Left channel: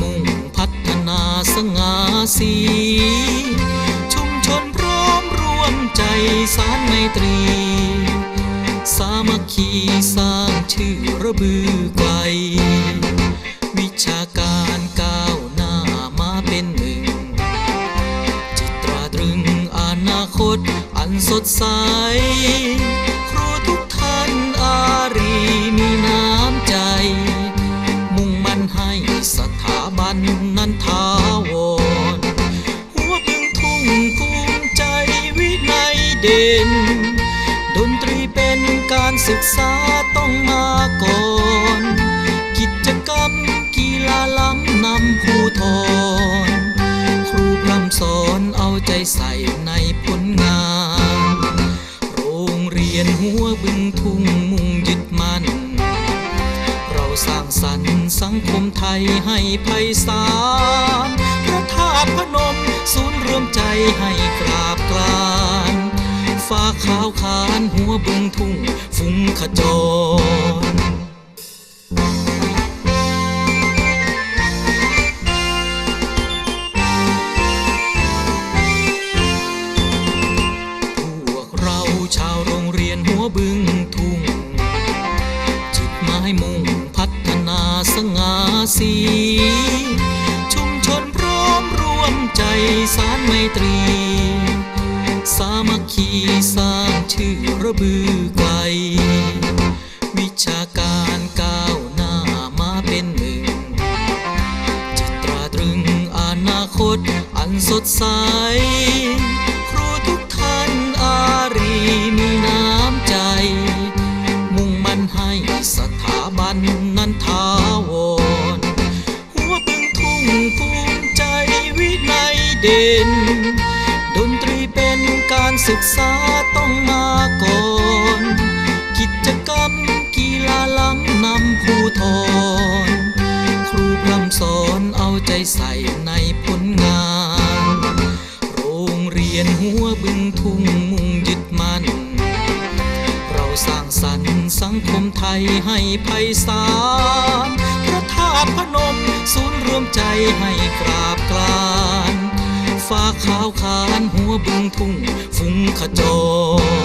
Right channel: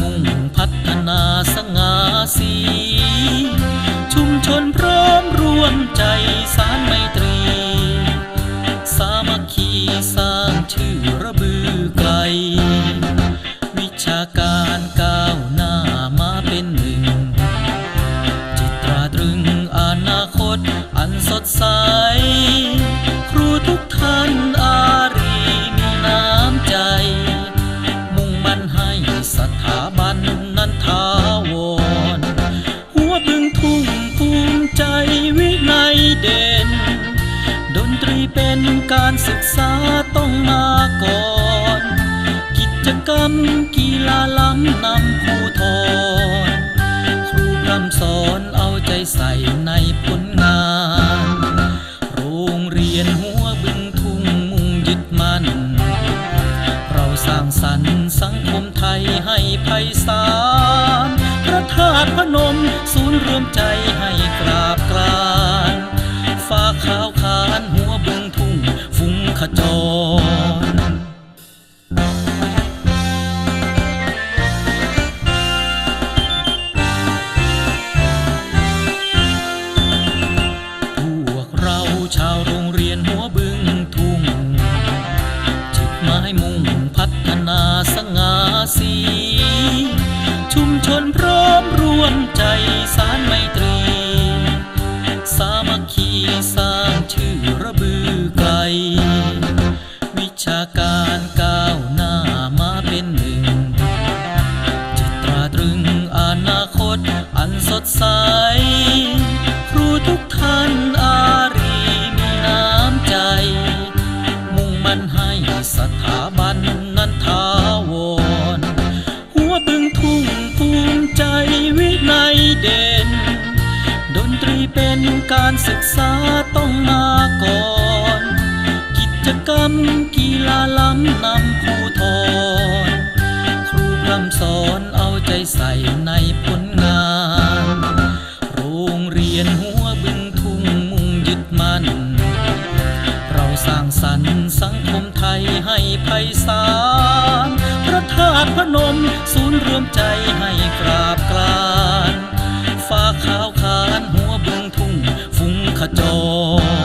มุ่ง่าสี ชุมชนพร้อมร่วมใจสารไมตรี สามัคคีสร้างชื่อระบือไกล วิชาการก้าวหน้ามาเป็นหนึ่ง จิตราตรึงอนาคตอันสดใส ทุ่งภูมิใจวินัยเด่น ดนตรีเป็นการศึกษาต้องมาก่อน กิจกรรมกีฬาล้ำนำผู้ทอนครูพร่ำสอนเอาใจใส่ในผลงาน โรงเรียนหัวบึงทุ่งมุ่งยึดมั่น เราสร้างสรรค์สังคมไทยให้ไพศาล ใจให้กราบกรานฟ้าขาวขานหัวบึงทุ่งฟุ้งขจรพวกเราชาวโรงเรียนหัวบึงทุ่ง จิตหมายมุ่งพัฒนาสง่าสี พร้อมร่วมใจสารไมตรี สามัคคีสร้างชื่อระบือไกล วิชาการก้าวหน้ามาเป็นหนึ่งจิตราตรึงอนาคตอันสดใส ครูทุกท่านอารีมีน้ำใจ มุ่งมั่นให้สถาบันนั้นทาวร ภูมิใจวินัยเด่น ดนตรีเป็นการศึกษาต้องมาก่อน กิจกรรมกีฬาล้ำนำผู้ทอนครูพร่ำสอนเอาใจใส่ในผลงาน โรงเรียนหัวบึงทุ่งมุ่งยึดมั่น เราสร้างสรรค์สังคมไทยให้ไพศาลาตุพนม ศูนย์รวมใจให้กราบกรานฟ้าขาวขานหัวบึงทุ่งฟุ้งขจร